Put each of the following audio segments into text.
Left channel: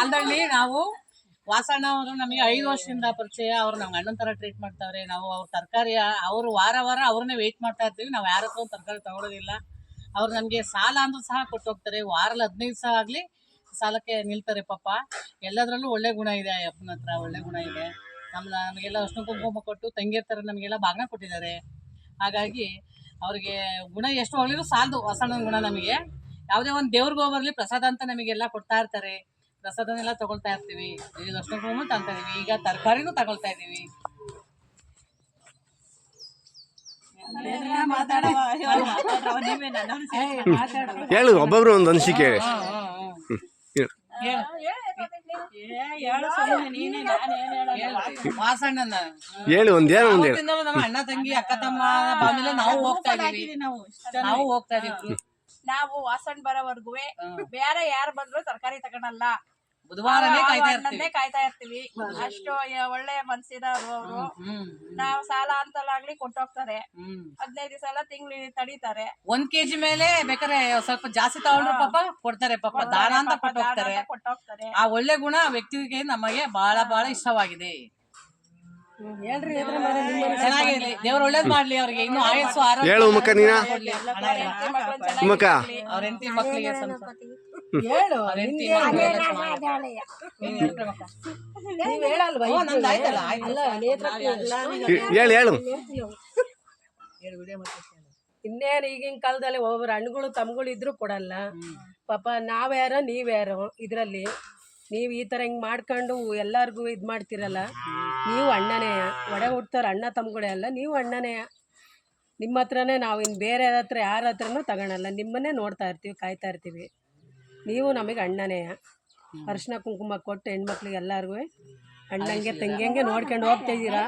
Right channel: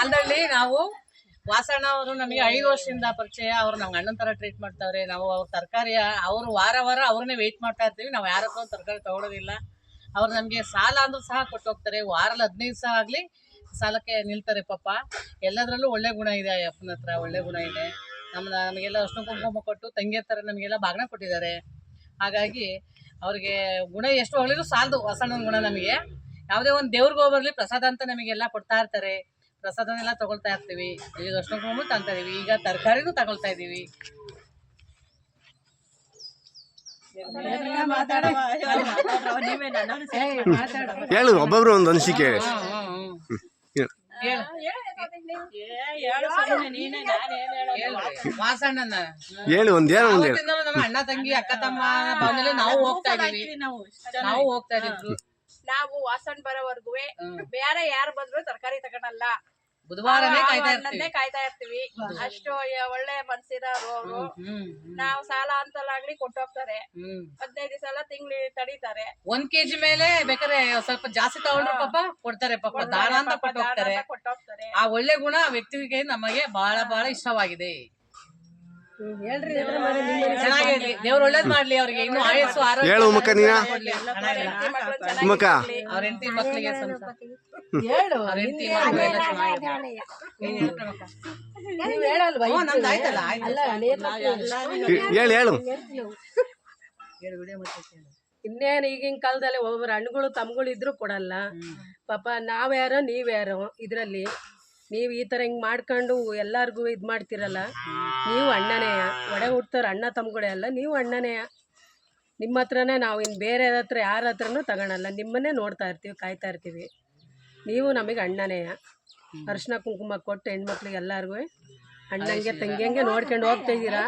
ಆಲ್ದಲ್ಲಿ ನಾವು ವಾಸಣ್ಣ ಅವರು ನಮಗೆ 5 ವರ್ಷದಿಂದ ಪರಿಚಯ. ಅವ್ರು ನಮ್ಗೆ ಅಣ್ಣನ ತರ ಟ್ರೀಟ್ ಮಾಡ್ತಾವ್ರೆ. ನಾವು ಅವ್ರ ತರಕಾರಿ ಅವ್ರು ವಾರ ಅವ್ರನ್ನೇ ವೇಟ್ ಮಾಡ್ತಾ ಇರ್ತೀವಿ. ನಾವು ಯಾರ ಹತ್ರ ತರಕಾರಿ ತಗೊಳೋದಿಲ್ಲ. ಅವ್ರು ನಮಗೆ ಸಾಲ ಅಂದ್ರೂ ಸಹ ಕೊಟ್ಟು ಹೋಗ್ತಾರೆ. ವಾರಲ್ಲಿ 15 ಸಹ ಆಗ್ಲಿ ಸಾಲಕ್ಕೆ ನಿಲ್ತಾರೆ ಪಾಪ. ಎಲ್ಲದರಲ್ಲೂ ಒಳ್ಳೆ ಗುಣ ಇದೆ. ಅಪ್ಪನ ಹತ್ರ ಒಳ್ಳೆ ಗುಣ ಇದೆ. ನಮಗೆಲ್ಲ ಅರ್ಶಿನ ಕುಂಕುಮ ಕೊಟ್ಟು ತಂಗಿಯರ ಥರ ನಮಗೆಲ್ಲ ಬಾಗ್ನ ಕೊಟ್ಟಿದ್ದಾರೆ. ಹಾಗಾಗಿ ಅವ್ರಿಗೆ ಗುಣ ಎಷ್ಟು ಹೊಗಳಿದ್ರು ಸಾಲದು. ವಾಸಣ್ಣನ ಗುಣ ನಮಗೆ ಯಾವುದೇ ಒಂದು ದೇವ್ರಿಗೆ ಹೋಗ್ಬರ್ಲಿ ಪ್ರಸಾದ ಅಂತ ನಮಗೆಲ್ಲ ಕೊಡ್ತಾ ಇರ್ತಾರೆ. ಪ್ರಸಾದನೆಲ್ಲ ತಗೊಳ್ತಾ ಇರ್ತೀವಿ. ಈಗ ಅರ್ಶಿನ ಕುಂಕುಮ ತಗೊಳ್ತಾ ಇದೀವಿ. ಈಗ ತರಕಾರಿನೂ ತಗೊಳ್ತಾ ಇದೀವಿ. ಹೇಳು, ಒಬ್ಬೊಬ್ರು ಒಂದು ಅನಿಸಿಕೆ ವಾಸಣ್ಣನ ಹೇಳಿ. ಒಂದೇನೋ ನಮ್ಮ ಅಣ್ಣ ತಂಗಿ ಅಕ್ಕ ತಮ್ಮ ಆಮೇಲೆ ನಾವು ಹೋಗ್ತಾ ಇದೀವಿ. ನಾವು ವಾಸಣ್ಣ ಬರೋವರ್ಗು ಬೇರೆ ಯಾರು ಬಂದ್ರು ತರಕಾರಿ ತಗೊಳಲ್ಲ. ಬುಧವಾರನೇ ಕಾಯ್ತಾ ಇರ್ತೀವಿ. ಅಷ್ಟು ಒಳ್ಳೆ ಮನ್ಸಿದವರು ಅವರು. ನಾವು ಸಾಲ ಅಂತಲಾಗ್ಲಿ ಕೊಟ್ಟೋಗ್ತಾರೆ. 15 ದಿವಸ ತಿಂಗ್ಳು ತಡೀತಾರೆ. 1 kg ಮೇಲೆ ಬೇಕಾದ್ರೆ ಸ್ವಲ್ಪ ಜಾಸ್ತಿ ತಗೊಂಡ್ರು ಪಾಪ ಕೊಡ್ತಾರೆ. ಪಾಪ ದಾನ ಅಂತ ಕೊಟ್ಟೋಗ್ತಾರೆ. ಆ ಒಳ್ಳೆ ಗುಣ ಆ ವ್ಯಕ್ತಿಗೆ ನಮಗೆ ಬಹಳ ಬಹಳ ಇಷ್ಟವಾಗಿದೆ. ಚೆನ್ನಾಗಿರ್ಲಿ, ದೇವ್ರು ಒಳ್ಳೇದ್ ಮಾಡ್ಲಿ ಅವ್ರಿಗೆ. ಇನ್ನು ಆಯಸ್ಸು ಆರೋಗ್ಯ ಹೇಳು ಮುಖ ನೀನ ಮುಖ ಅವ್ರ ಹೆಂಡತಿ ಮಕ್ಕಳಿಗೆ ಹೇಳು ಹೇಳು. ಇನ್ನೇನು ಈಗಿನ ಕಾಲದಲ್ಲಿ ಒಬ್ಬೊಬ್ರು ಹಣ್ಣುಗಳು ತಮ್ಗಳು ಇದ್ರು ಕೊಡಲ್ಲ ಪಾಪ. ನಾವ್ಯಾರೋ ನೀವ್ಯಾರೋ ಇದ್ರಲ್ಲಿ ನೀವು ಈ ಥರ ಹಿಂಗೆ ಮಾಡ್ಕೊಂಡು ಎಲ್ಲರಿಗೂ ಇದು ಮಾಡ್ತಿರಲ್ಲ. ನೀವು ಅಣ್ಣನೇಯ, ಒಡೆ ಹುಡ್ತವ್ರು ಅಣ್ಣ ತಮ್ಮಗಳೇ ಅಲ್ಲ, ನೀವು ಅಣ್ಣನೇಯ. ನಿಮ್ಮ ಹತ್ರನೇ ನಾವು ಇನ್ನು ಬೇರೆ ಹತ್ರ ಯಾರ ಹತ್ರನೂ ತಗೊಳಲ್ಲ. ನಿಮ್ಮನ್ನೇ ನೋಡ್ತಾ ಇರ್ತೀವಿ, ಕಾಯ್ತಾ ಇರ್ತೀವಿ. ನೀವು ನಮಗೆ ಅಣ್ಣನೇಯ. ಅರಿಶಿನ ಕುಂಕುಮ ಕೊಟ್ಟು ಹೆಣ್ಮಕ್ಳಿಗೆ ಎಲ್ಲರಿಗೂ ಅಣ್ಣಂಗೆ ತಂಗಿಯಂಗೆ ನೋಡ್ಕೊಂಡು ಹೋಗ್ತಾ ಇದ್ದೀರಾ,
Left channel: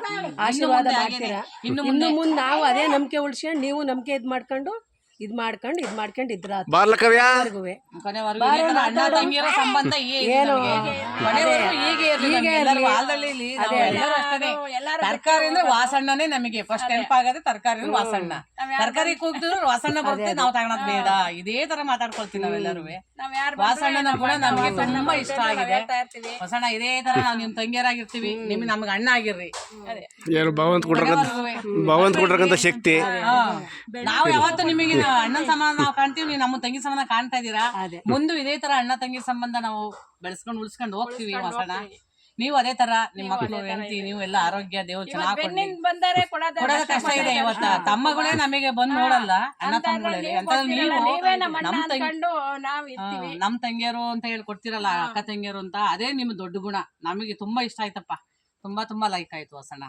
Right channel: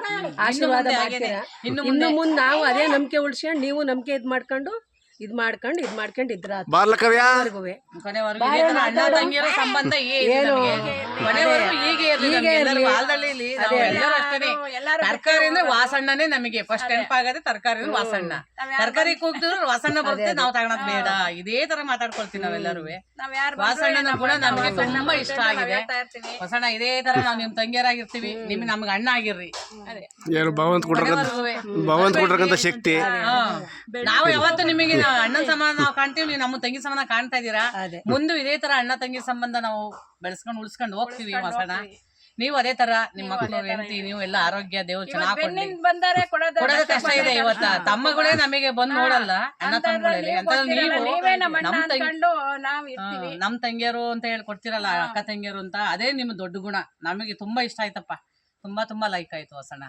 ಆಶೀರ್ವಾದ ಮಾಡ್ತೀರಾ. ಇನ್ನು ಮುಂದೆ ನಾವು ಅದೇ ನಂಬಿಕೆ ಉಳ್ಸ್ಕೊಂಡು ನೀವು ನಂಬಿಕೆ ಇದು ಮಾಡ್ಕೊಂಡು ಇದ್ರ ಅಣ್ಣ ತಂಗಿಯರ ಸಂಬಂಧ ತರಕಾರಿ ಅಂದ್ರೆ ವಾಸಣ್ಣನೇ ನಮಗೆ ಫಸ್ಟ್ ನೆನಪಾಗದೆ. ತರಕಾರಿ ವಾಸಣ್ಣ, ತರಕಾರಿ ಕೂಗ್ತಿದ್ರು ವಾಸಣ್ಣ ಬರುತ್ತೆ. ನಾವು ತಗೊಳದ್ ಬೇಡ, ಇದೇ ತರ ಮಾತಾಡ್ಕೊಳ್ತೀವಿ ನಾವೆಲ್ಲರೂ. ವಾಸಣ್ಣನ ಗುಣ ನಮಗೆ ತುಂಬಾ ಇಷ್ಟ ಆಗಿದೆ. ವಾಸಣ್ಣ ಇದೇ ತರ ನಾವು ನಿಮ್ ತಂಗಿಯರಾಗಿರ್ತೀವಿ, ನಿಮ್ಗೆ ನಮ್ಗೆ ಅಣ್ಣ ಆಗಿರ್ರಿ. ಭಗವಂತ ಕೊಟ್ಟಿರತಕ್ಕಂತ ಶಕ್ತಿ. ನಾವು ಯಾವತ್ತು ನಿಮಗೆ ಅಣ್ಣನ ಸಮಾನ ನಾವು ಕಾಣ್ತೀವಿ, ನೀವು ನಮ್ಮ ತಂಗಿ ಸಮಾನ ಕಾಣ್ತಾ ಇದ್ದೀರಾ. ಮುಂದೆ ಇದೇ ತರ ಅಣ್ಣ ತಂಗಿ ಸಂಬಂಧ ನಾವು ಬೆಳೆಸ್ಕೊಂಡು ಉಳಿಸ್ಕೊಂಡು ಹೋಗ್ತೀವಿ. ವಾಸಣ್ಣ ನೀವು ಅದೇ ತರ ನಿಮ್ಮ ಮಕ್ಕಳು ಹೆಂಡತಿ ನೀವು ಎಲ್ಲ ಆರೋಗ್ಯ ದೇವ್ರು ಚೆನ್ನಾಗಿ ಕೊಡೋದ ಕಷ್ಟ ಇದೆ. ಇವತ್ತ ತಮ್ಮಗಳೇ ನಮಗೆ ಬಂದು ನೋಡಲ್ಲ, ಅಣ್ಣ ತಮ್ಮಗಳಲ್ಲಿ. ನಮ್ ತಂಗಿಯರು ಅಂತ ಹೇಳಿ ಕೊಡ್ತಿರಲ್ಲ, ಅಕ್ಕ ತಂಗಿಯರು ಅಂತ, ಅದೇ ನಿಮ್ ದೊಡ್ಡ ಗುಣ. ನಮಗೆ ತುಂಬಾ ಇಷ್ಟ ಆಯ್ತಪ್ಪ. ತುಂಬಾ ಲೈಕ್ ಆಯ್ತು ವಾಸಣ್ಣ.